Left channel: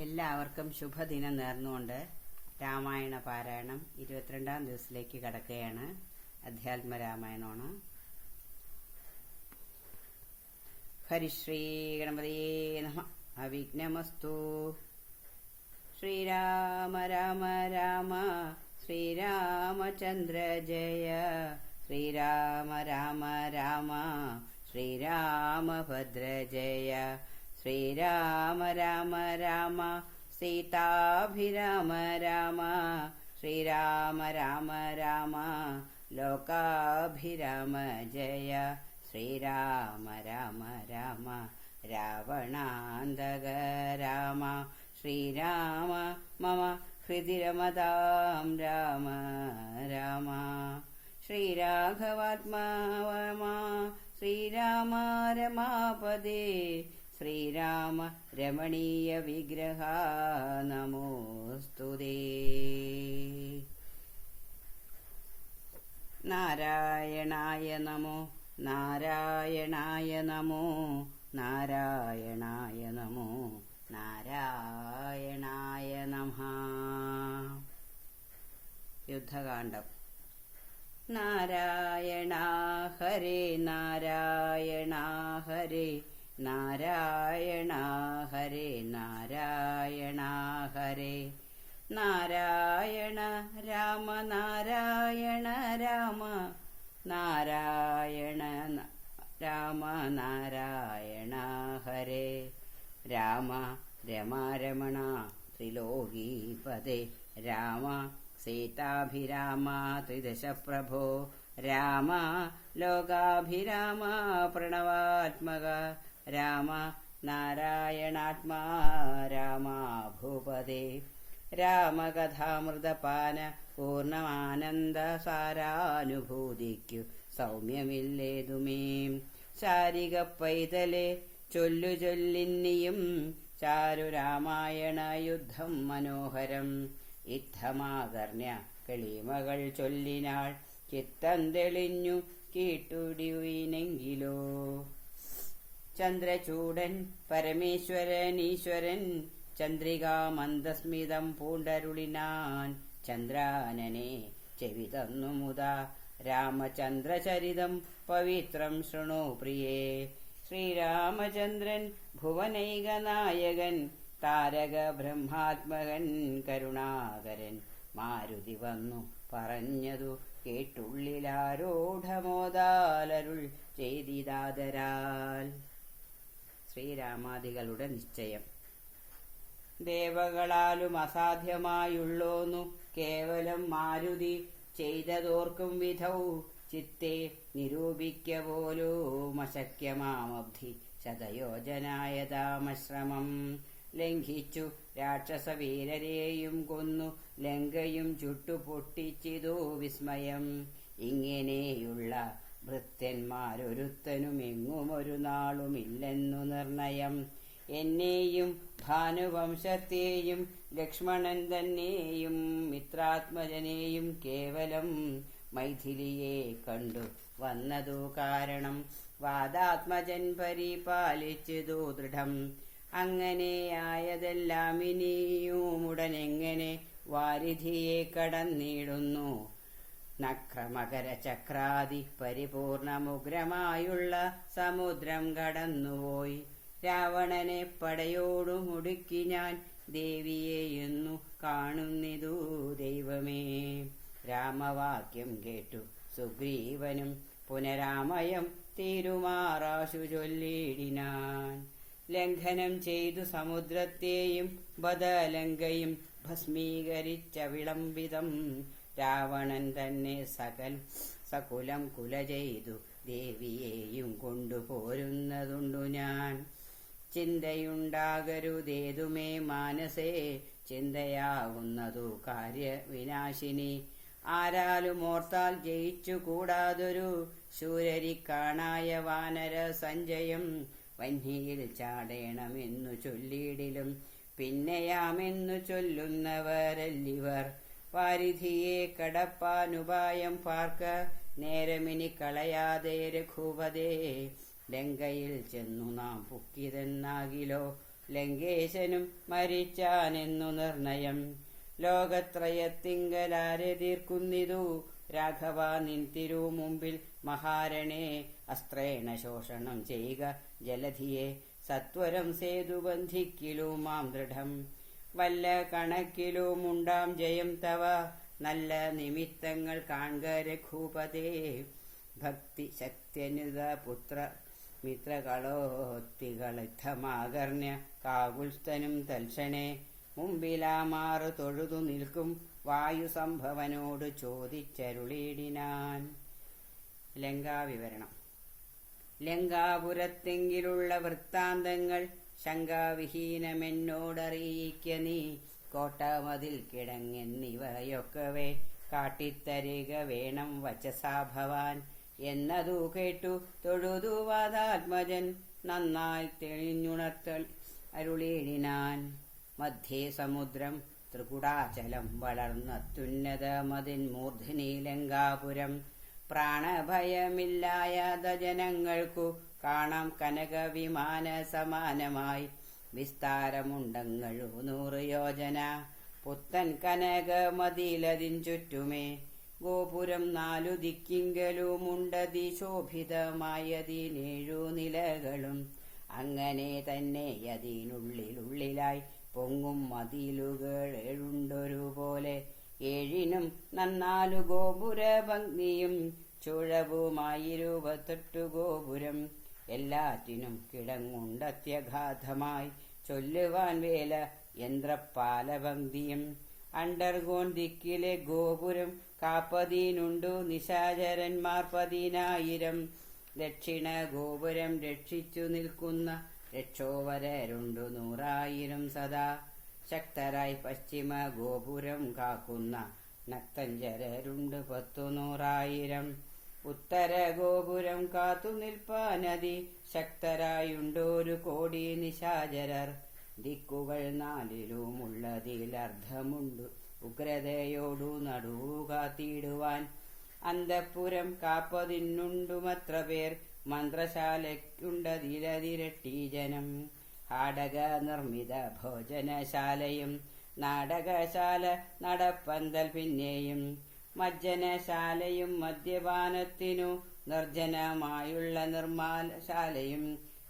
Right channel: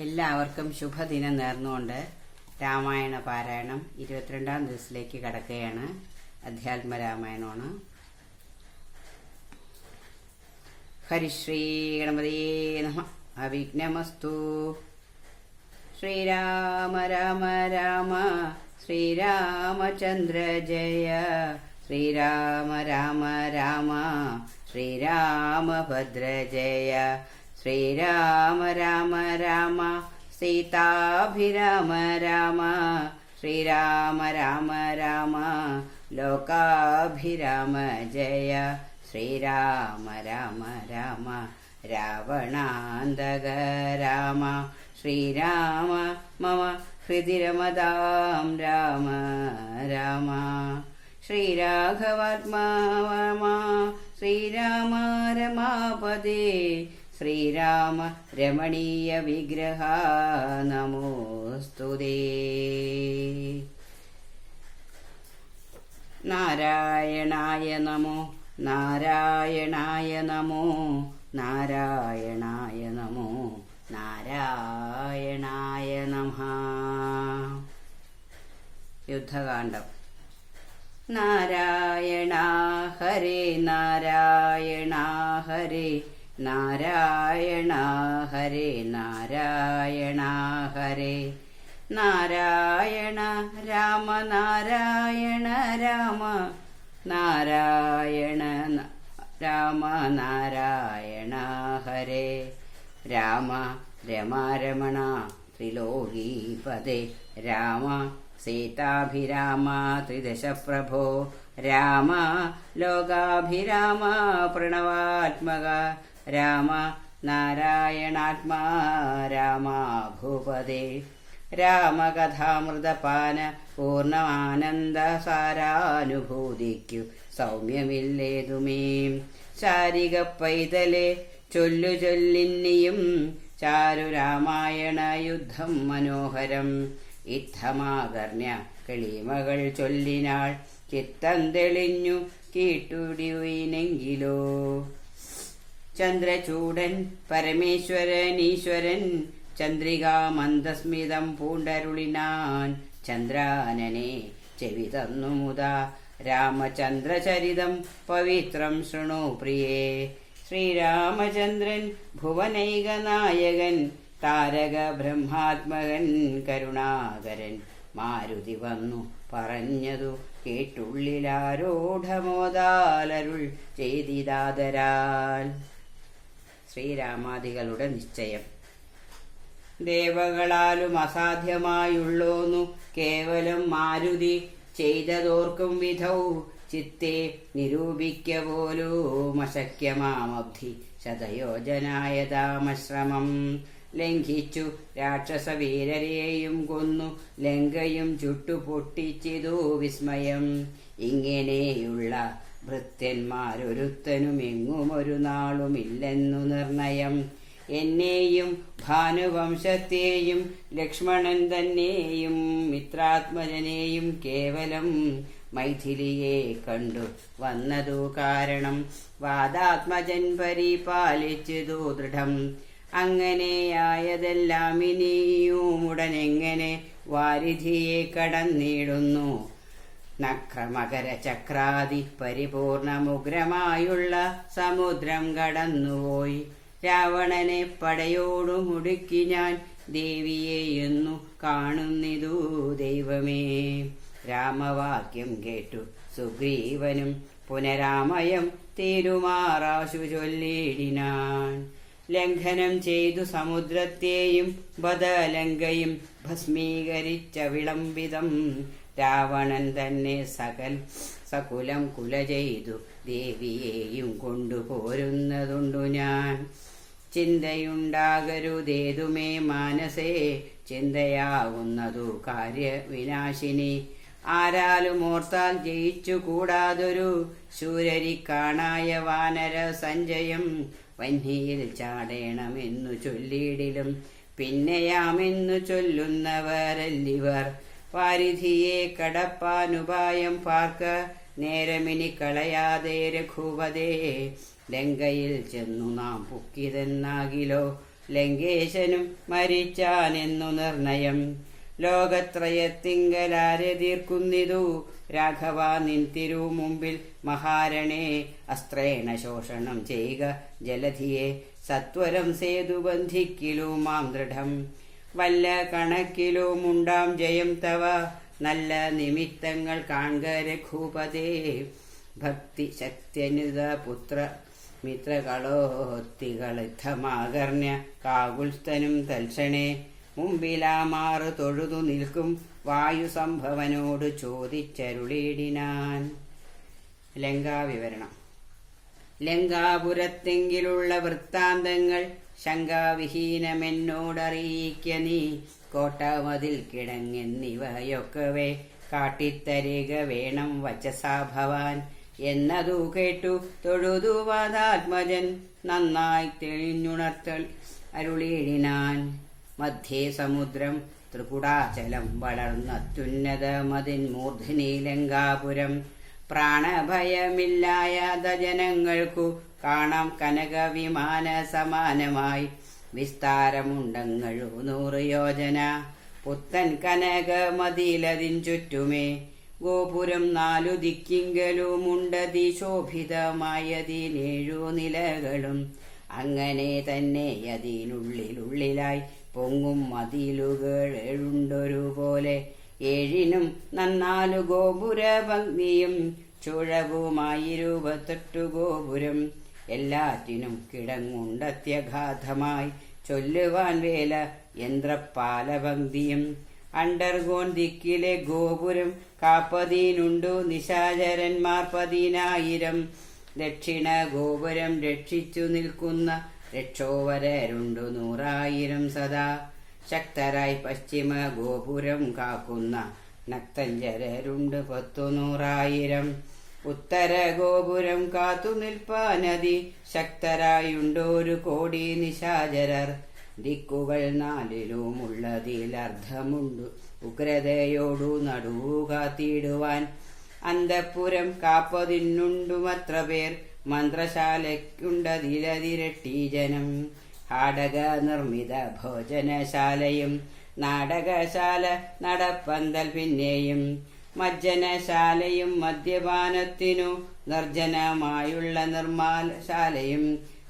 എല്ലാവർക്കും ശുഭദിനം നേർന്നുകൊണ്ട് രാമായണ പാരായണം 22-ാം ദിവസത്തിലേക്ക് കടക്കുകയാണ്. അധ്യാത്മ രാമായണമാണ്. ഹരിശ്രീ ഗണപതിയേ നമഃ. അവിഘ്നമസ്തു. ശ്രീരാമ രാമ രാമ ശ്രീരാമചന്ദ്ര ജയ. ശ്രീരാമ രാമ രാമ ശ്രീരാമഭദ്ര ജയ. ശ്രീരാമ രാമ രാമ സീതാഭിരാമ രാമ. ശ്രീരാമ രാമ രാമ ലോകാഭിരാമ ജയ. ശ്രീരാമ രാമ രാമ രാവണാന്തക രാമ. ശ്രീരാമ മമ ഹൃദി രമതാം രാമ രാമ. ശ്രീരാഘവാത്മാ ശ്രീരാമ രമാപദേ. ശ്രീരാമ രമണീയ വിഗ്രഹ നമോസ്തുതേ. നാരായണായ നമോ നാരായണായ നമോ നാരായണായ നമോ നാരായണായ നമഃ. യുദ്ധകാണ്ഡം. നാരായണ ഹരേ നാരായണ ഹരേ നാരായണ ഹരേ നാരായണ ഹരേ. നാരായണ രാമ നാരായണ രാമ നാരായണ രാമ നാരായണ ഹരേ. രാമ രമാരമണ ത്രിലോകീപദേ. രാമ സീതാഭിരാമ ത്രിദശ പ്രഭോ. രാമ ലോകാഭിരാമ പ്രണവാത്മക. രാമ നാരായണാത്മാ രാമ ഭൂപദേ. രാമകഥാമൃതപാന പൂർണ്ണമാനന്ദ സാരാനുഭൂതിക്കു സൗമ്യമില്ലേതുമേ. ശാരിക പൈതലെ ചൊല്ലു ചൊല്ലിന്നിയും ചാരു രാമായണ യുദ്ധം മനോഹരം. ഇത്തമാകർണ്യ കിളിമകൾ ചൊല്ലിനാൾ ചിത്തം തെളിഞ്ഞു കീട്ടുടിയുനെങ്കിലോ. ചന്ദ്രചൂടൻ പരമേശ്വരൻ ഈശ്വരൻ ചന്ദ്രികാ മന്ദസ്മിതം പൂണ്ടരുളിനാൻ. ചന്ദ്രാനനെ ചെവി തന്നു മുതാ രാമചന്ദ്രചരിതം പവിത്രം ശൃണു പ്രിയേ. ശ്രീരാമചന്ദ്രൻ ഭുവനൈക നായകൻ താരക ബ്രഹ്മാത്മകൻ കരുണാകരൻ. മാരുതി വന്നു പറഞ്ഞതു കേട്ടുള്ളിലാരോഢമോദാലരുൾ ചെയ്തിതാദരാൽ. ശ്രീരാമാദികളുടെ നിശ്ചയം. ദേവകളാലും അസാധ്യമായുള്ളോന്നു കേവലം മാരുതി ചെയ്തതോർക്കും വിധൗ. ചിത്തെ നിരൂപിക്ക പോലും അശക്യമാമബ്ധി ശതയോജനായതാമശ്രമം. ലംഘിച്ചു രാക്ഷസവീരരെയും കൊന്നു ലങ്കയും ചുട്ടുപൊട്ടിച്ചിതു വിസ്മയം. ഇങ്ങനെയുള്ള ഭൃത്യന്മാരൊരുത്തനും എങ്ങുമൊരു നാളുമില്ലെന്നു നിർണയം. എന്നെയും ഭാനുവംശത്തെയും ലക്ഷ്മണൻ തന്നെയും മിത്രാത്മജനെയും കേവലം മൈഥിലിയെ കണ്ടു വന്നതു കാരണം. വാദാത്മജൻ പരിപാലിച്ചതു ദൃഢം. അങ്ങനെയായതെല്ലാം ഇനിയുമുടനെങ്ങനെ വാരിധിയെ കടന്നിടുന്നു. നക്രമകര ചക്രാദി പരിപൂർണമുഗ്രമായുള്ള സമുദ്രം കടന്നുപോയി. രാവണനെ പടയോടു മുടുക്കി ഞാൻ ദേവിയെയെന്നു കാണുന്നിതു ദൈവമേ. രാമവാക്യം കേട്ടു സുഗ്രീവനും പുനരാമയം തീരുമാറാശു ചൊല്ലിടിനാൻ. ലംഘനം ചെയ്തു സമുദ്രത്തെയും ബദലങ്കയും ഭസ്മീകരിച്ച വിളംബിതം. രാവണൻ തന്നെ സകുലം കുല ചെയ്തു ദേവിയെയും കൊണ്ടുപോരുന്നതുണ്ടു ഞാൻ. ചിന്തയുണ്ടാകരുതേതുമേ മാനസേ ചിന്തയാവുന്നതു കാര്യവിനാശിനി. ആരാലും ഓർത്താൽ ജയിച്ചു കൂടാതൊരു ശൂരരിക്കാണായ വാനര സഞ്ജയം. വന്യയിൽ ചാടേണമെന്നു ചൊല്ലിയിടിലും പിന്നെയാമെന്നു ചൊല്ലുന്നവരല്ലിവർ. വാരിധിയെ കടപ്പാനുപായം പാർക്ക നേരമിനി കളയാതെ രഘുപതേ. ലങ്കയിൽ ചെന്നു നാം പൊക്കിതെന്നാകിലോ ലങ്കേശനും മരിച്ചാനെന്നു നിർണയം. ലോകത്രയത്തിങ്കലാരെ തീർക്കുന്നിതു രാഘവ നിൻ തിരുമുമ്പിൽ മഹാരണേ. അസ്ത്രേണ ശോഷണം ചെയ്യുക ജലധിയെ സത്വരം സേതു ബന്ധിക്കിലുമാം ദൃഢം. വല്ല കണക്കിലുമുണ്ടാം ജയം തവ നല്ല നിമിത്തങ്ങൾ കാൺക രഘുപതേ. ഭക്തി ശക്തിയനുത പുത്ര മിത്രകളോത്തികളിത്തമാകർണ്യ കാകുൽസ്ഥനും തൽക്ഷണേ. മുമ്പിലാമാറ് തൊഴുതു നിൽക്കും വായുസംഭവനോട് ചോദിച്ചരുളിയിടിനാൻ. ലങ്കാവിവരണം. ലങ്കാപുരത്തെങ്കിലുള്ള വൃത്താന്തങ്ങൾ ശങ്കാവിഹീനമെന്നോടറിയിക്ക നീ. കോട്ടമതിൽ കിടങ്ങെന്നിവയൊക്കവേ കാട്ടിത്തരിക വേണം വചസാ ഭവാൻ. എന്നതു കേട്ടു തൊഴുതു വാദാത്മജൻ നന്നായി തെളിഞ്ഞുണർത്തൽ അരുളിയിടിനാൻ. മധ്യേ സമുദ്രം ത്രികുടാചലം വളർന്നത്യുന്നതമതിൻ മൂർധനി ലങ്കാപുരം. പ്രാണഭയമില്ലായത ജനങ്ങൾക്കു കാണാം കനക വിമാന സമാനമായി. വിസ്താരമുണ്ടങ്ങഴു 100 യോജന പുത്തൻ കനകമതിലതിൻ ചുറ്റുമേ. ഗോപുരം 4 ദിക്കിങ്കലുമുണ്ടതി ശോഭിതമായതിനേഴു നിലകളും. അങ്ങനെ തന്നെ അതിനുള്ളിലായി പൊങ്ങും മതിലുകൾ 7 പോലെ. 7നും 4 ഗോപുര ഭംഗിയും ചുഴവുമായി 28 ഗോപുരം. എല്ലാറ്റിനും കിടങ്ങുണ്ടത്യഘാതമായി ചൊല്ലുവാൻ വേല യന്ത്രപാലഭംഗിയും. അണ്ടർഗോൺ ദിക്കിലെ ഗോപുരം കാപ്പതിനുണ്ടു നിശാചരന്മാർ 10,000. ദക്ഷിണ ഗോപുരം രക്ഷിച്ചു നിൽക്കുന്ന രക്ഷോവരരുണ്ടു 100,000 സദാ. ശക്തരായി പശ്ചിമ ഗോപുരം കാക്കുന്ന നക്തഞ്ചരരുണ്ട് 100,000. ഉത്തര ഗോപുരം കാത്തു നിൽപ്പാനതി ശക്തരായുണ്ടൊരു 1 കോടി നിശാചരർ. ദിക്കുകൾ 4ലുമുള്ളതിലർദ്ധമുണ്ടു ഉഗ്രതയോടു നടുവു കാത്തിടുവാൻ. അന്തഃപുരം കാപ്പതിനുണ്ടുമത്ര പേർ മന്ത്രശാലയ്ക്കുണ്ടതിലതിരട്ടി ജനം. ഹാടക നിർമ്മിത ഭോജനശാലയും നാടകശാല നടപ്പന്തൽ പിന്നെയും. മജ്ജനശാലയും മദ്യപാനത്തിനു നിർജ്ജനമായുള്ള നിർമ്മാലശാലയും.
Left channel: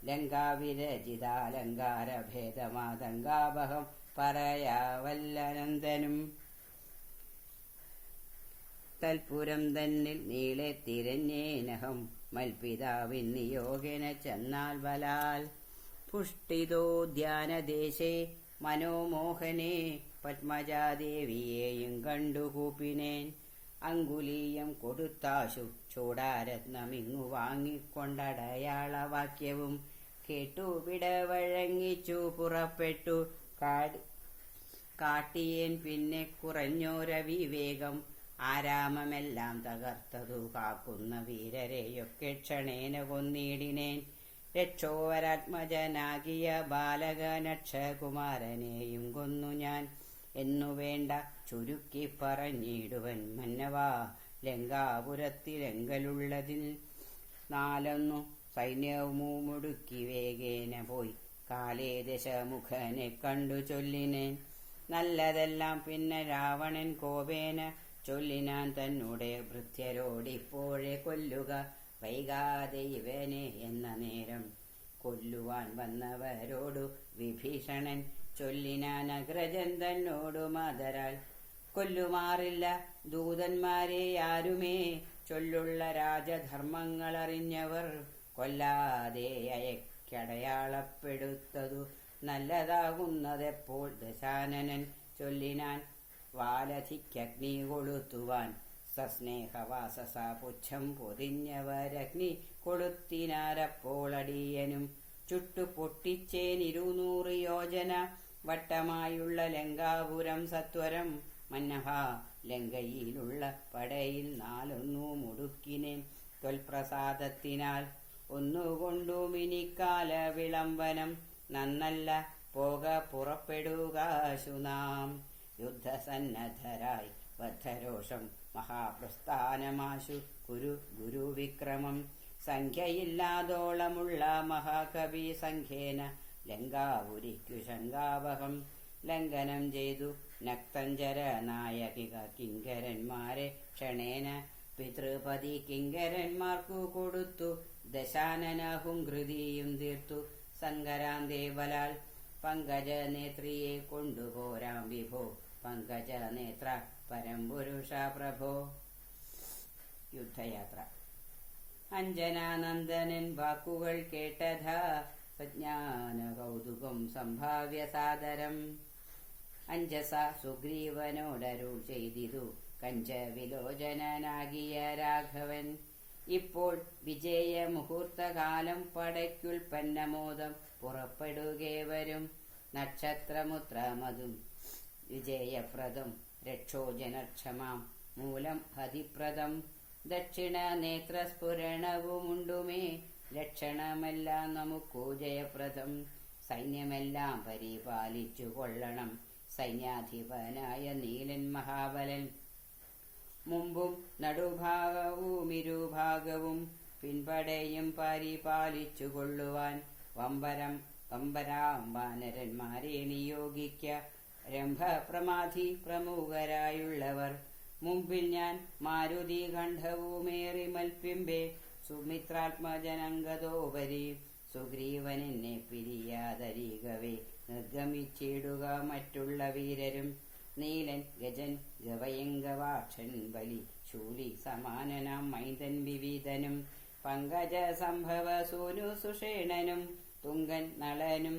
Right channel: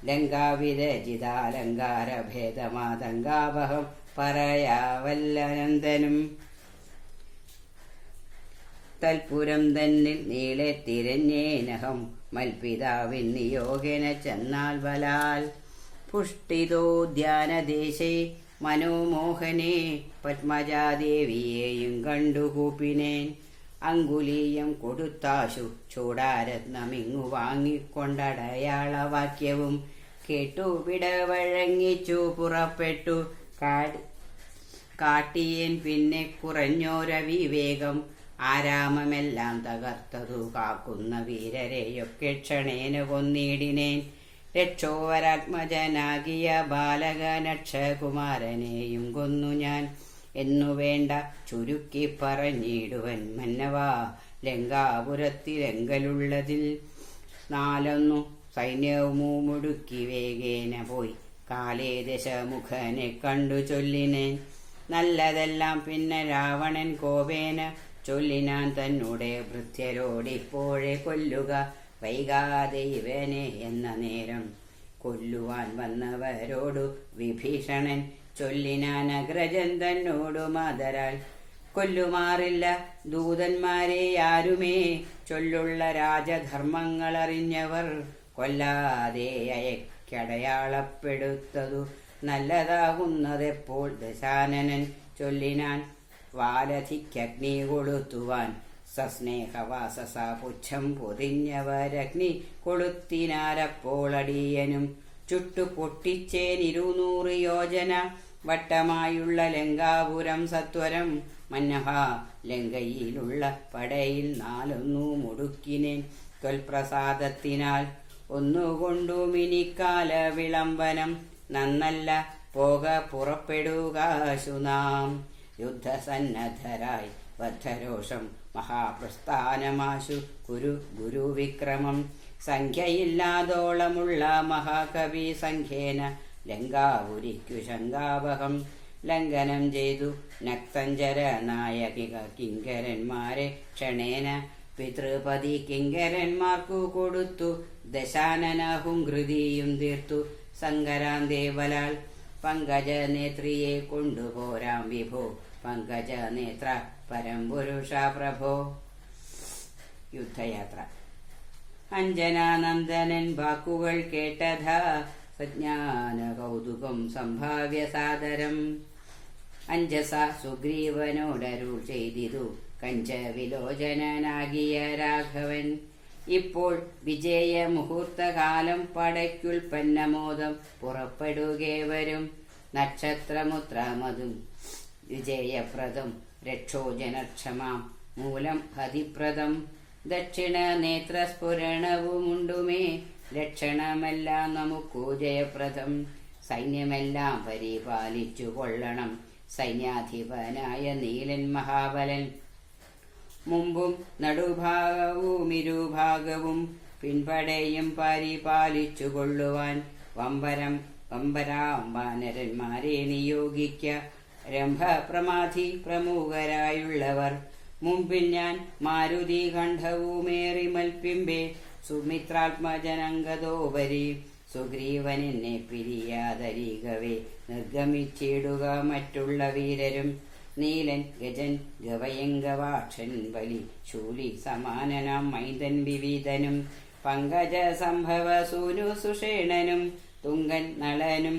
ലങ്കാവിരചിതാലങ്കാര ഭേദമാതങ്കാവഹം പറയാവല്ലനന്ദനും. തൽപുരം തന്നിൽ നീളെ തിരഞ്ഞേനഹം മൽപിതാവിൻ നിയോഗന ചെന്നാൽ ബലാൽ. പുഷ്ടിതോദ്യാനദേശേ മനോമോഹനെ പത്മജാദേവിയെയും കണ്ടുകൂപ്പിനേൻ. അങ്കുലീയം കൊടുത്താശു ചൂടാരത്നമിങ്ങു വാങ്ങിക്കൊണ്ടടയാളവാക്യവും കേട്ടു വിടവഴങ്ങിച്ചു പുറപ്പെട്ടു. കാട്ടിയൻ പിന്നെ കുറഞ്ഞോരവിവേകം. ആരാമമെല്ലാം തകർത്തതു കാക്കുന്ന വീരരെയൊക്കെ ക്ഷണേന കൊന്നിടിനേൻ. രക്ഷോവരാത്മജനാകിയ ബാലകനക്ഷകുമാരനെയും കൊന്നു ഞാൻ എന്നു വേണ്ട ചുരുക്കി പറഞ്ഞിടുവൻ മന്നവാ. ലങ്കാപുരത്തിലെങ്കലുള്ളതിൽ 4 സൈന്യവുമുടുക്കി വേഗേന പോയി കാലേ ദശമുഖനെ കണ്ടു ചൊല്ലിനേൻ. നല്ലതെല്ലാം പിന്നെ രാവണൻ കോപേന ചൊല്ലിനാൻ തന്നോടെ ഭൃത്യരോടിപ്പോഴെ കൊല്ലുക വൈകാതെ ഇവനെ എന്ന നേരം. കൊല്ലുവാൻ വന്നവരോടു വിഭീഷണൻ ചൊല്ലിനാൻ അഗ്രജൻ തന്നോടു മാതരാൽ. കൊല്ലുമാറില്ല ദൂതന്മാരെ ആരുമേ ചൊല്ലുള്ള രാജധർമ്മങ്ങളറിഞ്ഞവർ. കൊല്ലാതെ അയക്കടയാളപ്പെടുത്തതു നല്ലതാകുന്നതെപ്പോൾ. ദശാനനൻ ചൊല്ലിനാൻ വാലധിക്കഗ്നി കൊളുത്തുവാൻ. സസ്നേഹവാസസ പുച്ഛം പൊതിഞ്ഞവരഗ്നി കൊളുത്തിനാരപ്പോൾ അടിയനും. ചുട്ടു പൊട്ടിച്ചേൻ 200 യോജന വട്ടമായുള്ള ലങ്കാപുരം സത്വരം. മന്നഹ ലങ്കയിലുള്ള പടയിൽ 4 മുടുക്കിനേൻ ത്വൽപ്രസാദത്തിനാൽ. ഒന്നുകൊണ്ടുമിനിക്കാല വിളംബനം നന്നല്ല പോക പുറപ്പെടുകാശു നാം. യുദ്ധസന്നദ്ധരായി ബദ്ധരോഷം മഹാപ്രസ്ഥാനമാശു ഗുരുവിക്രമം. സംഖ്യയില്ലാതോളമുള്ള മഹാകവി സംഖ്യേന ലങ്കാപുരിക്കു ശങ്കാവഹം ലംഘനം ചെയ്തു നക്തഞ്ചര നായകിക കിങ്കരന്മാരെ ക്ഷണേന പിതൃപതി കിങ്കരന്മാർക്കു കൊടുത്തു ദശാനനഹും ഹൃതിയും തീർത്തു സങ്കരാന്തേവലാൽ പങ്കജനേത്രിയെ കൊണ്ടുപോരാം വിഭോ പങ്കജനേത്ര പരംപുരുഷ പ്രഭോ. യുദ്ധയാത്ര. അഞ്ജനാനന്ദനൻ വാക്കുകൾ കേട്ടതാ സജ്ഞാന കൗതുകം സംഭാവ്യ സാദരം അഞ്ജസ സുഗ്രീവനോടരുൾ ചെയ്തിതു കഞ്ചവിലോചനാകിയ രാഘവൻ. ഇപ്പോൾ വിജയ മുഹൂർത്തകാലം പടയ്ക്കുൽപ്പന്നമോദം പുറപ്പെടുകേവരും നക്ഷത്രമുത്രമതും വിജയപ്രദം രക്ഷോജനക്ഷമാം മൂലം ഹതിപ്രദം ദക്ഷിണ നേത്രസ്ഫുരണവുമുണ്ടുമേ ലക്ഷണമെല്ലാം നമുക്കു ജയപ്രദം സൈന്യമെല്ലാം പരിപാലിച്ചു കൊള്ളണം സൈന്യാധിപനായ നീലൻ മഹാബലൻ. മുമ്പും നടുഭാഗവും ഇരുഭാഗവും പിൻപടയും പരിപാലിച്ചു കൊള്ളുവാൻ വമ്പരാംബാനരന്മാരെ നിയോഗിക്ക രംഭപ്രമാധി പ്രമുഖരായുള്ളവർ. മുമ്പിൽ ഞാൻ മാരുതി കണ്ഠവുമേറി മൽപ്പിമ്പേ സുമിത്രാത്മജനങ്കതോപരി സുഗ്രീവനെന്നെ പിരിയാതരികവേ നിർഗമിച്ചിടുക മറ്റുള്ള വീരരും. നീലൻ ഗജൻ ഗവയംഗവാക്ഷൻ ബലി ശൂലി സമാനനാം മൈന്ദൻ വിവിധനും പങ്കജ സംഭവ സൂനു സുഷേണനും തുങ്കൻ നളനും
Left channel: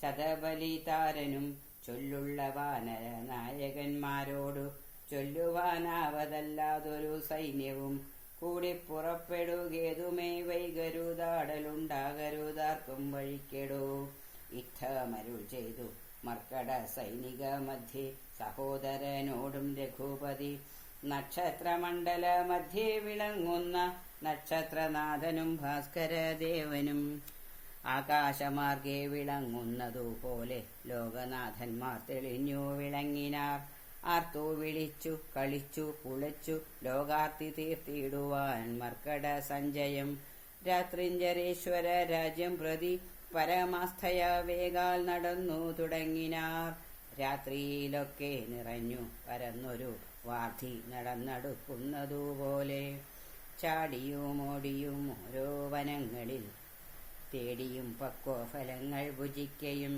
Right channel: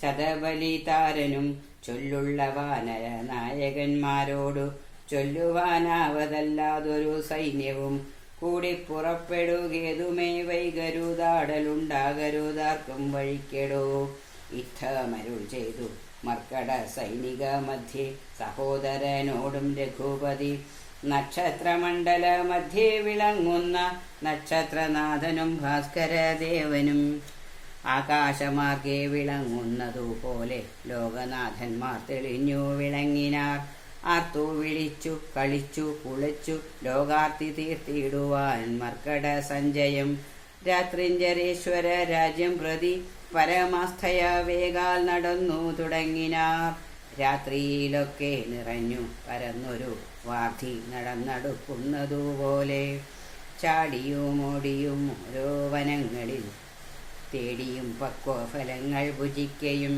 ശതബലിതാരനും ചൊല്ലുള്ള വാനര നായകന്മാരോടു ചൊല്ലുവാനാവതല്ലാതൊരു സൈന്യവും കൂടി പുറപ്പെടുകേതുമേ വൈകരുതാടലുണ്ടാകരുതാർക്കും വഴിക്കെടോ. യുദ്ധമരുൾ ചെയ്തു മർക്കട സൈനിക മധ്യേ സഹോദരനോടും രഘുപതി നക്ഷത്രമണ്ഡല മധ്യേ വിളങ്ങുന്ന നക്ഷത്രനാഥനും ഭാസ്കരദേവനും ആകാശമാർഗെ വിളങ്ങുന്നതുപോലെ ലോകനാഥന്മാർ തെളിഞ്ഞു വിളങ്ങിനാർ. ആർത്തു വിളിച്ചു കളിച്ചു കുളിച്ചു ലോകാർത്തി തീർത്തിടുവാൻ മർക്കട സഞ്ജയം രാത്രിഞ്ചരേശ്വര രാജ്യം പ്രതി പരമാസ്ഥയ വേഗാൽ നടന്നു തുടങ്ങിനാർ. രാത്രിയിലൊക്കെ നിറഞ്ഞു പരന്നൊരു വാർധി നടന്നടുക്കുന്നതുപോലെ ചാടിയും ഓടിയും ഓരോ വനങ്ങളിൽ തേടിയും പക്വഫലങ്ങൾ ഭുജിക്കയും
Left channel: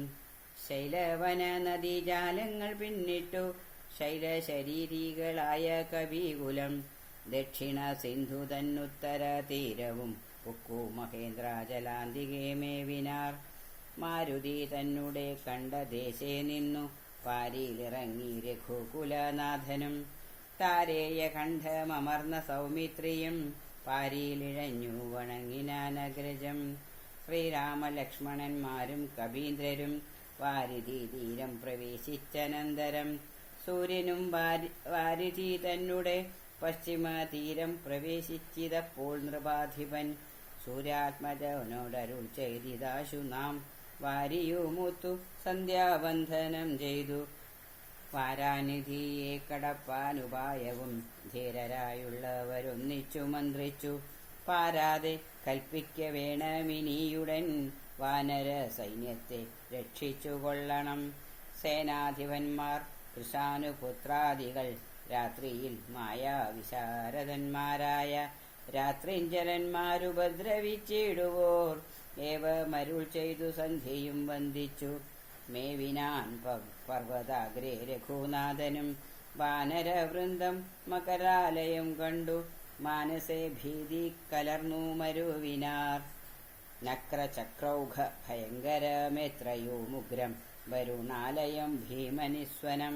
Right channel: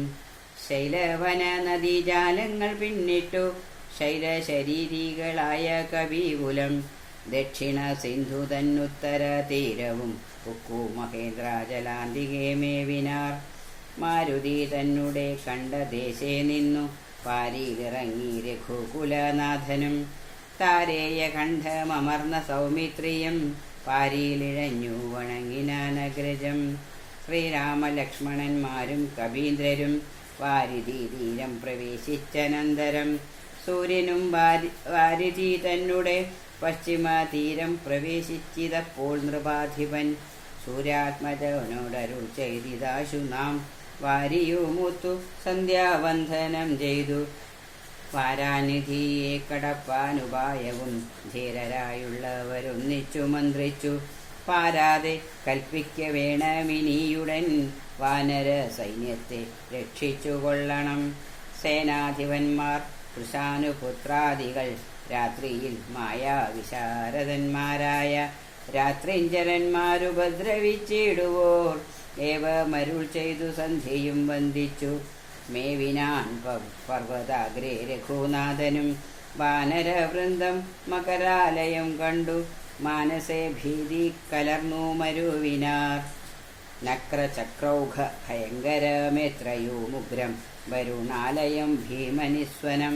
ശൈലവന നദീജാലങ്ങൾ പിന്നിട്ടു ശൈലശരീരികളായ കവികുലം ദക്ഷിണ സിന്ധു തന്നുത്തര തീരവും ഉക്കു മഹേന്ദ്രാജലാന്തികെ മേവിനാർ. മാരുതി തന്നെ കണ്ട ദേശേ നിന്നു പാരിയിലിറങ്ങി രഘുകുലനാഥനും താരേയ കണ്ഠമർന്ന സൗമിത്രിയും പാരിയിലിഴഞ്ഞു വണങ്ങിനാനഗ്രജം. ശ്രീരാമലക്ഷ്മണന്മാരും കവീന്ദ്രരും വാരിധി തീരം പ്രവേശിച്ചനന്തരം സൂര്യനും വാരിധി തന്നെ പശ്ചിമ തീരം പ്രവേശിച്ചിതപ്പോൾ നൃപാധിപൻ സൂര്യാത്മജനോടരുൾ ചെയ്തിതാശു നാം വാരിയുമൂത്തു സന്ധ്യാവന്ദനം ചെയ്തു വാരാനിധിയെ കടപ്പാനുപായവും ധീരരായുള്ളവരൊന്നിച്ചു മന്ത്രിച്ചു പാരാതെ കൽപ്പിക്ക വേണമിനിയുടൻ വാനര സൈന്യത്തെ രക്ഷിച്ചു കൊള്ളണം. സേനാധിപന്മാർ കൃഷാനുപുത്രാദികൾ രാത്രിയിൽ മായാവിശാരദന്മാരായ രാത്രിഞ്ചരന്മാരുപദ്രവിച്ചിടുവോർ ഏവമരുൾ ചെയ്തു സന്ധ്യയും വന്ദിച്ചു മേവിനാൻ പർവ്വതാഗ്രേ രഘുനാഥനും വാനരവൃന്ദം മകരാലയം കണ്ടു മാനസേ ഭീതി കലർന്നു മരുവിനാർ. നക്രചക്രൗഘ ഭയങ്കരമേത്രയോമുഗ്രം വരുണാലയം ഭീമനിസ്വനം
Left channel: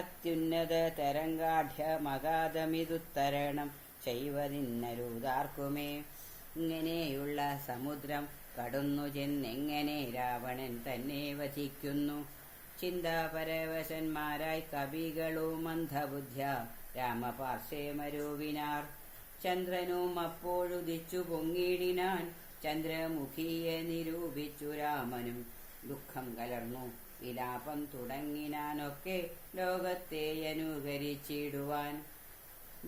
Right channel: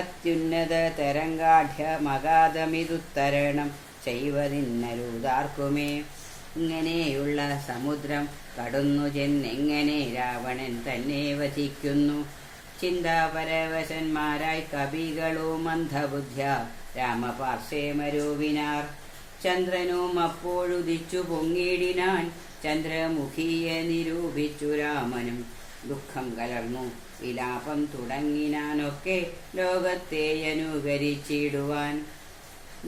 അത്യുന്നത തരംഗാഢ്യമഗാധമിതുത്തരണം ചെയ്വതിന്നരുതാർക്കുമേ. ഇങ്ങനെയുള്ള സമുദ്രം കടന്നു ചെന്നെങ്ങനെ രാവണൻ തന്നെ വധിക്കുന്നു. ചിന്താപരവശന്മാരായി കവികളോ മന്ദബുദ്ധ്യ രാമപാർശ്വേ മരുവിനാർ. ചന്ദ്രനും അപ്പോഴുദിച്ചു പൊങ്ങിടിനാൻ ചന്ദ്രമുഖിയെ നിരൂപിച്ചു രാമനും. ദുഃഖം കലർന്നു വിലാപം തുടങ്ങിനാനൊക്കെ ലോകത്തെ അനുകരിച്ചിടുവാൻ.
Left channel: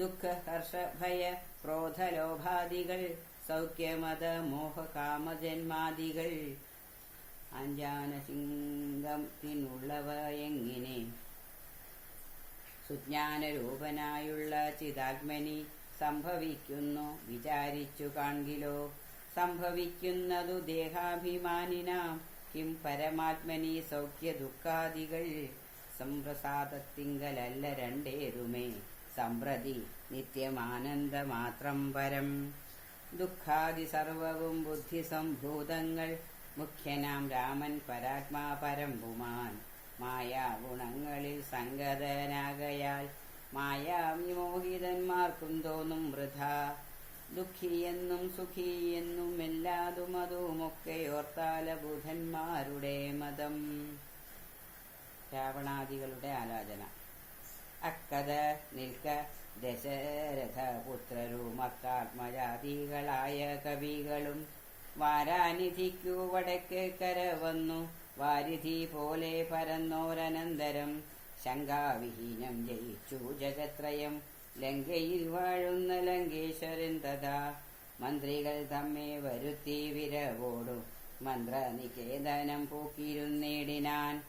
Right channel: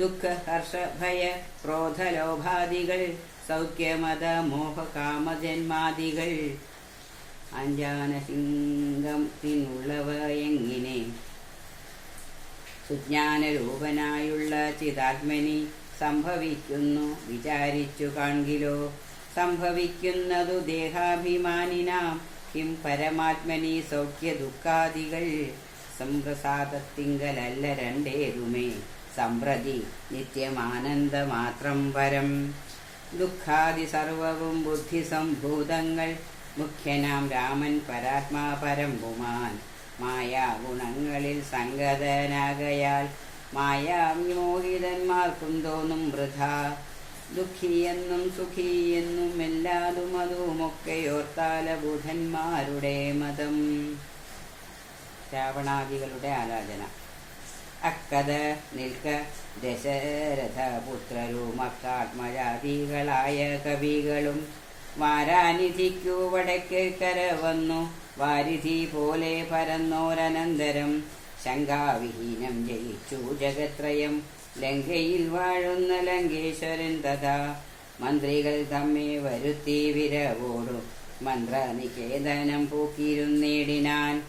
ദുഃഖ ഹർഷ ഭയ ക്രോധലോഭാദികൾ സൗഖ്യമത മോഹകാമജന്മാദികൾ അഞ്ജാനസിംഗത്തിനുള്ളവ എങ്ങിനെ സുജ്ഞാനരൂപനായുള്ള ചിതാത്മനി സംഭവിക്കുന്നു വിചാരിച്ചു കാൺകിലോ. സംഭവിക്കുന്നതു ദേഹാഭിമാനിനാം കിം പരമാത്മനി സൗഖ്യ ദുഃഖാദികൾ സംപ്രസാദത്തിങ്കലല്ല രണ്ടേതുമേ സമ്പ്രതി നിത്യമാനന്ദമാത്രം പരം. ദുഃഖാദി സർവവും ബുദ്ധിസംഭൂതങ്ങൾ മുഖ്യനാം രാമൻ പരാത്മാ പരമ്പുമാൻ. മായാഗുണങ്ങളിൽ സംഗതനാകയാൽ മായാവിമോഹിതന്മാർക്കും തോന്നും വൃഥാ. ദുഃഖിയെന്നും സുഖിയെന്നും എല്ലാതും അതുമൊക്കെയോർത്താല ബുധന്മാരുടെ മതം. രാവണാദികളുടെ ആലോചന. അക്കഥ നിൽക്ക ദശരഥപുത്രരും മക്കാത്മജാതികളായ കവികളും വാരാനിധിക്കു വടക്ക് കരവന്നു. വാരിധി പോലെ പരന്നോരനന്തരം ശങ്കാവിഹീനം ജയിച്ചു ജഗത്രയം. ലങ്കയിൽ വാഴുന്ന ലങ്കേശ്വരൻ തഥാ മന്ത്രികൾ തമ്മെ വരുത്തി വിരവോടു മന്ത്രനികേതനം പൂക്കിയിരുന്നേടിനാൻ.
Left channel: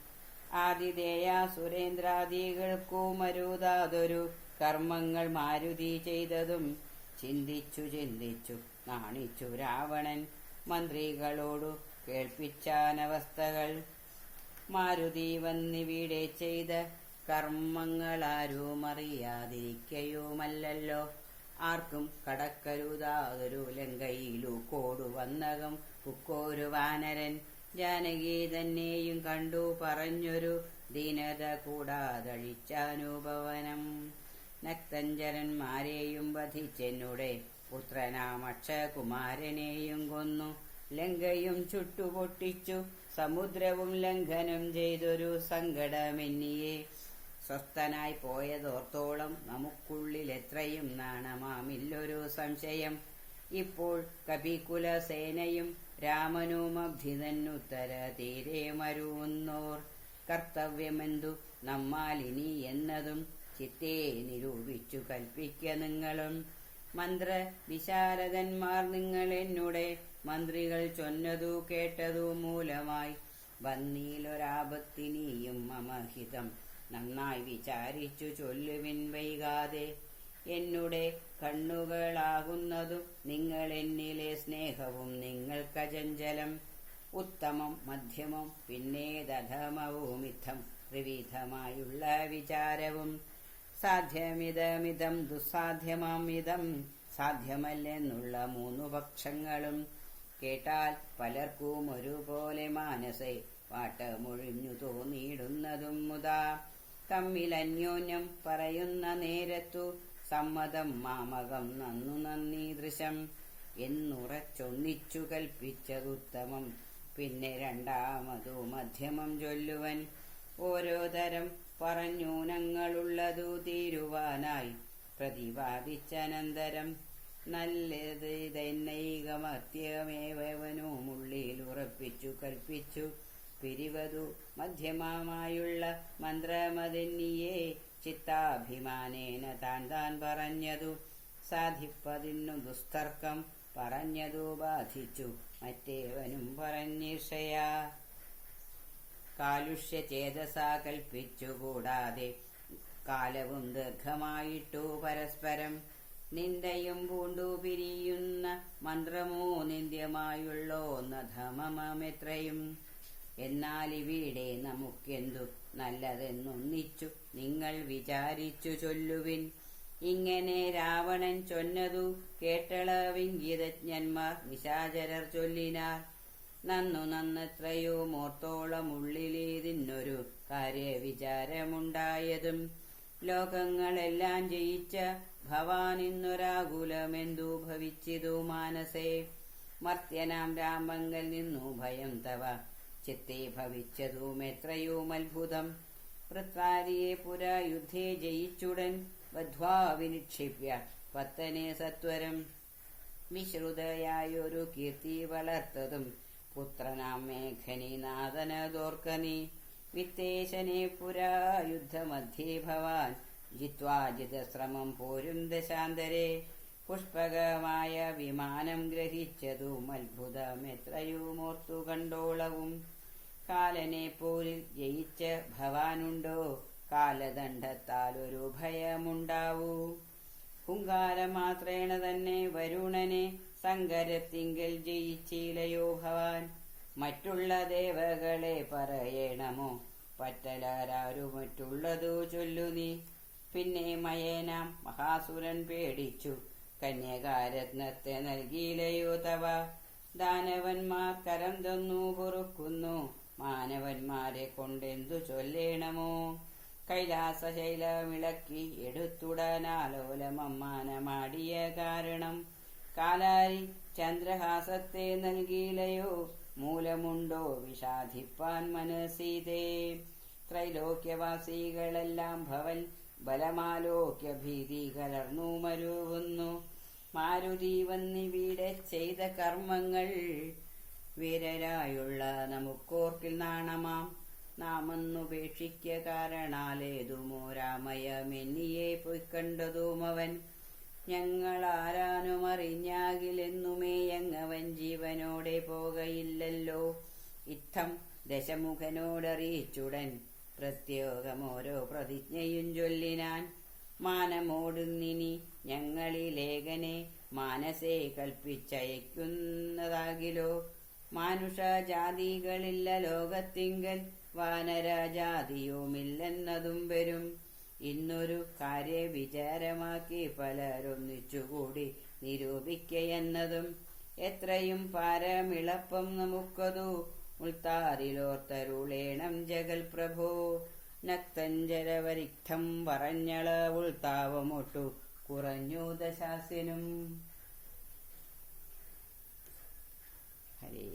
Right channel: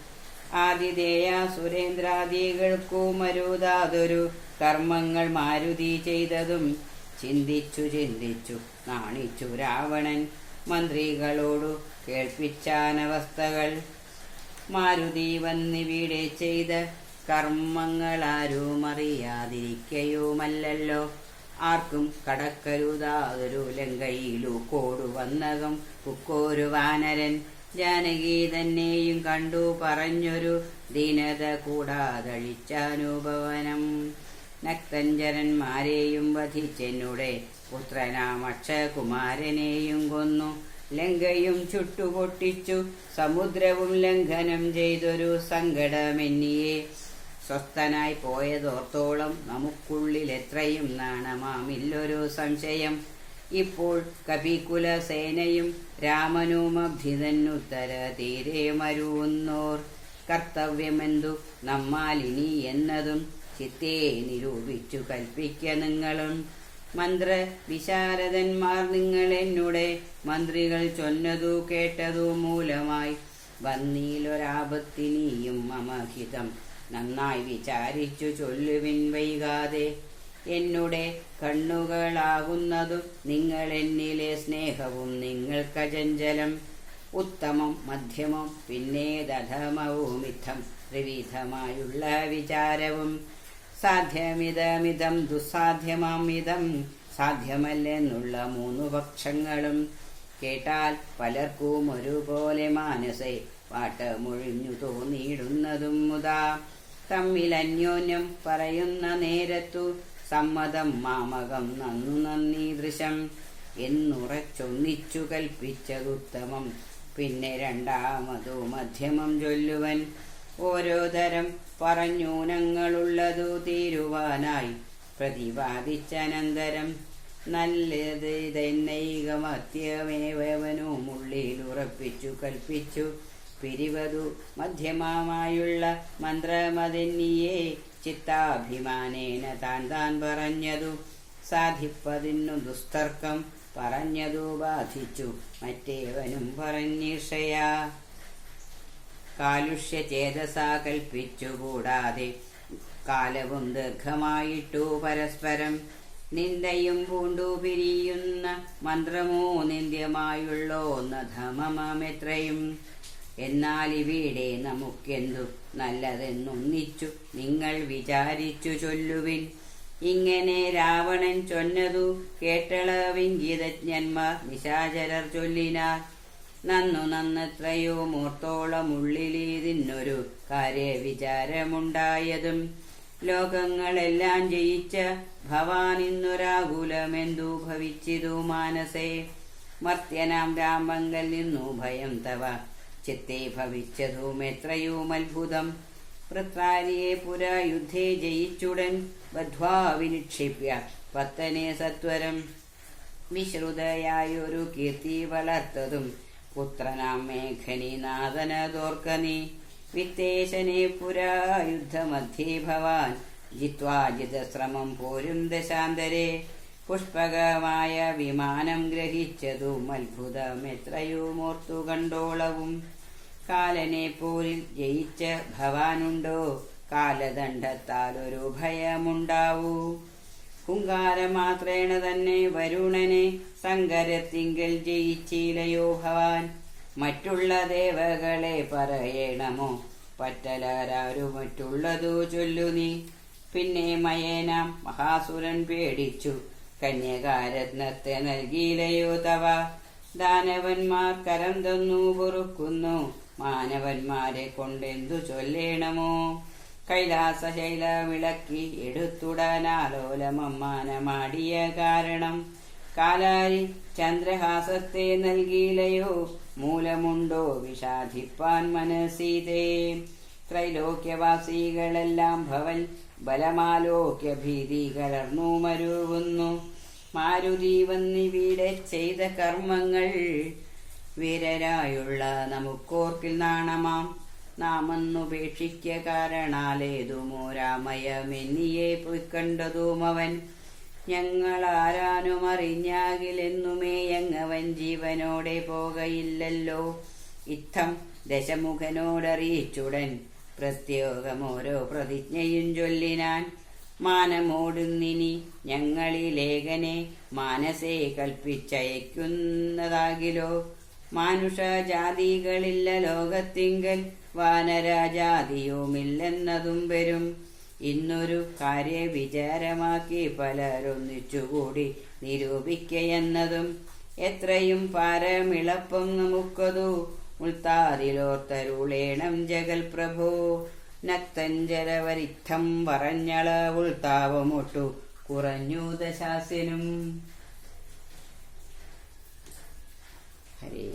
ആതിഥേയ സുരേന്ദ്രാദികൾക്കു മരുതാതൊരു കർമ്മങ്ങൾ മാരുതി ചെയ്തതും ചിന്തിച്ചു ചിന്തിച്ചു നാണിച്ചു രാവണൻ മന്ത്രികളോടു കേൾപ്പിച്ചാനവസ്ഥകൾ. മാരുതി വന്നിവിടെ ചെയ്ത കർമ്മങ്ങളാരും അറിയാതിരിക്കയുമല്ലോ. ആർക്കും കടക്കരുതാതൊരു ലങ്കയിലു കോടു വന്നകം പുക്കോരു വാനരൻ. ജാനകി തന്നെയും കണ്ടു പറഞ്ഞൊരു ദീനത കൂടാതഴിച്ചാനുഭവനം. നക്തഞ്ചരന്മാരെയും വധിച്ചെന്നുടെ പുത്രനാം അക്ഷകുമാരനെയും കൊന്നു. ലങ്കയും ചുട്ടുപൊട്ടിച്ചു സമുദ്രവും ലംഘനം ചെയ്തൊരു സങ്കടമെന്നിയെ. സ്വസ്ഥനായി പോയതോർത്തോളം നമുക്കുള്ളിൽ എത്രയും നാണമാമില്ലൊരു സംശയം. ഇപ്പോൾ കപികുലസേനയും രാമനുമഭിതന്നുത്തര തീരെ മരുവുന്നോർ. കർത്തവ്യമെന്തു നമ്മാലിനി എന്നതും ചിത്തേ നിരൂപിച്ചു കൽപ്പിക്ക നിങ്ങളും. മന്ത്ര വിശാരദന്മാർ നിങ്ങൾ എന്നുടെ മന്ത്രികൾ ചൊന്നതു കേട്ടതു മൂലമായി വന്നീലൊരാപത്തിനിയും മമഹിതം നന്നായി വിചാരിച്ചു ചൊല്ലുവിൻ വൈകാതെ. എന്നുടെ കണ്ണുകളാകുന്നതു നിങ്ങൾ എന്നിലെ സ്നേഹവും നിങ്ങൾക്കചഞ്ചലം. ഉത്തമം മധ്യമം പിന്നെ ധമവുമിത്തം ത്രിവിധമായുള്ള വിചാരവും. സാധ്യമിതമിതം ദുസ്സാധ്യമാമിതം സാധ്യമല്ലെന്നുള്ള മൂന്നു പക്ഷങ്ങളും കേട്ടാൽ പലർക്കും ഒരുപോലെ മാനസേ പാട്ടമൊഴിഞ്ഞു തോന്നിയിടുന്നതും മുതാ. തമ്മിൽ അന്യോന്യം പറയുന്ന നേരത്തു സമ്മതം മാമകം നന്നു നന്ദീദൃശം എന്നുറച്ചൊന്നിച്ചു കൽപ്പിച്ചതുത്തമം. പിന്നെ രണ്ടാമതു മധ്യമം ചൊല്ലുവൻ. ഓരോ തരം പറഞ്ഞൂനങ്ങളുള്ളതു തീരുവാനായി പ്രതിപാദിച്ചനന്തരം നല്ലത് തന്നൈകമത്യമേവനുമുള്ളിലുറപ്പിച്ചു കൽപ്പിച്ചു. പിരിവതു മധ്യമായുള്ള മന്ത്രമതെന്നിയെ ചിത്താഭിമാനേന താൻ താൻ പറഞ്ഞതു സാധിപ്പതിന്നു ദുസ്തർക്കം. പറഞ്ഞതു ബാധിച്ചു മറ്റേവനും പറഞ്ഞിഷയാ. കാലുഷ്യചേതസാ കൽപ്പിച്ചുകൂടാതെ കാലവും ദീർഘമായിട്ടു പരസ്പരം. നിന്ദയും പൂണ്ടു പിരിയുന്ന മന്ത്രമോ നിന്ദ്യമായുള്ളോന്ന ധമമെത്രയും. എന്നാൽ ഇവിടെ നമുക്കെന്തു നല്ലതെന്നൊന്നിച്ചു നിങ്ങൾ വിചാരിച്ചു ചൊല്ലുവിൻ. ഇങ്ങനെ രാവണൻ ചൊന്നതു കേട്ടളവിഞ്ചിതജ്ഞന്മാർ നിശാചരർ ചൊല്ലിനാർ. നന്നു നന്നെത്രയോ മൂർത്തോളമുള്ളിലിതിന്നൊരു കാര്യവിചാരമുണ്ടായതും. ലോകങ്ങളെല്ലാം ജയിച്ച ഭവാനിന്നൊരാകുലമെന്തു ഭവിച്ചിതു മാനസേ. മർത്യനാം രാമങ്കൽ നിന്നു ഭയം തവ ചിത്തേ ഭവിച്ചതും എത്രയും അത്ഭുതം. വൃത്രാരിയെ പുരാ യുദ്ധേ ജയിച്ചുടൻ ബദ്ധ്വാ വിനിക്ഷിപ്യ പത്തനെ സത്വരം. വിശ്രുതയായൊരു കീർത്തി വളർത്തതും പുത്രനാം മേഘനിനാഥനതോർക്കനീ. വിത്തേശനെ പുരാ യുദ്ധമധ്യേ ഭവാൻ ജിത്വാ ജിതശ്രമം പോരും ദശാന്തരെ. പുഷ്പകമായ വിമാനം ഗ്രഹിച്ചതും അത്ഭുതമെത്രയുമോർത്തു കണ്ടോളവും. കാലനെ പോലിൽ ജയിച്ച ഭവാനുണ്ടോ? കാലദണ്ഡത്താൽ ഒരു ഭയമുണ്ടാവൂ. ഹുങ്കാരമാത്രേണ തന്നെ വരുണനെ സങ്കരത്തിങ്കൽ ജയിച്ചിലയോ ഭവാൻ? മറ്റുള്ള ദേവകളെ പറയണമോ? പറ്റലാരാരു മറ്റുള്ളതു ചൊല്ലു നീ. പിന്നെ മയേനാം മഹാസുരൻ പേടിച്ചു, കന്യകാരത്നത്തെ നൽകിയിലയോ തവ? ദാനവന്മാർ കരം തന്നു പൊറുക്കുന്നു, മാനവന്മാരെ കൊണ്ടെന്തു ചൊല്ലേണമോ? കൈലാസശൈല വിളക്കി എടുത്തുടാനാലോലമമ്മാനമാടിയ കാരണം കാലാരി ചന്ദ്രഹാസത്തെ നൽകിയിലയോ? മൂലമുണ്ടോ വിഷാദിപ്പാൻ മനസ്സീതേ? ത്രൈലോക്യവാസികളെല്ലാം ഭവൻ ബലമാലോക്യ ഭീതി കലർന്നു മരുവുന്നു. മാരുതി വന്നിവിടെ ചെയ്ത കർമ്മങ്ങൾ വീരരായുള്ള നമുക്കോർക്കിൽ നാണമാം. നാമെന്നുപേക്ഷിക്ക കാരണാലേതുമോ രാമയമെന്നിയെ പൊയ്ക്കണ്ടതുമവൻ. ഞങ്ങളാരാനും അറിഞ്ഞാകിലെന്നുമേ യങ്ങവൻ ജീവനോടെ പോകയില്ലല്ലോ. ഇത്തം ദശമുഖനോടറിയിച്ചുടൻ പ്രത്യേകമോരോ പ്രതിജ്ഞയും ചൊല്ലിനാൻ. മാനമോടുന്നിനി ഞങ്ങളിലേഖനെ മാനസേ കൽപ്പിച്ചയക്കുന്നതാകിലോ? മാനുഷജാതികളില്ല ലോകത്തിങ്കൽ, വാനരജാതിയുമില്ലെന്നതും വരും. ഇന്നൊരു കാര്യവിചാരമാക്കി പലരൊന്നിച്ചുകൂടി നിരൂപിക്കയെന്നതും എത്രയും പാരമിളപ്പം നമുക്കതു ഉൾത്താറിലോർത്തരുളേണം ജഗൽ പ്രഭോ. നക്തഞ്ചരവരിത്തം പറഞ്ഞള ഉൾത്താവമൊട്ടു കുറഞ്ഞു ദശാസ്യനും. ഹരേ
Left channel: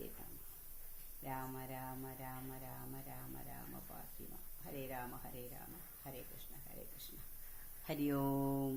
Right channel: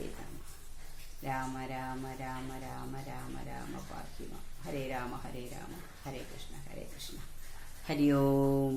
രാമ രാമ രാമ രാമ രാമ രാമ പാഹിമ. ഹരേ രാമ ഹരേ രാമ ഹരേ കൃഷ്ണ ഹരേ കൃഷ്ണ. ഹരി ഓം.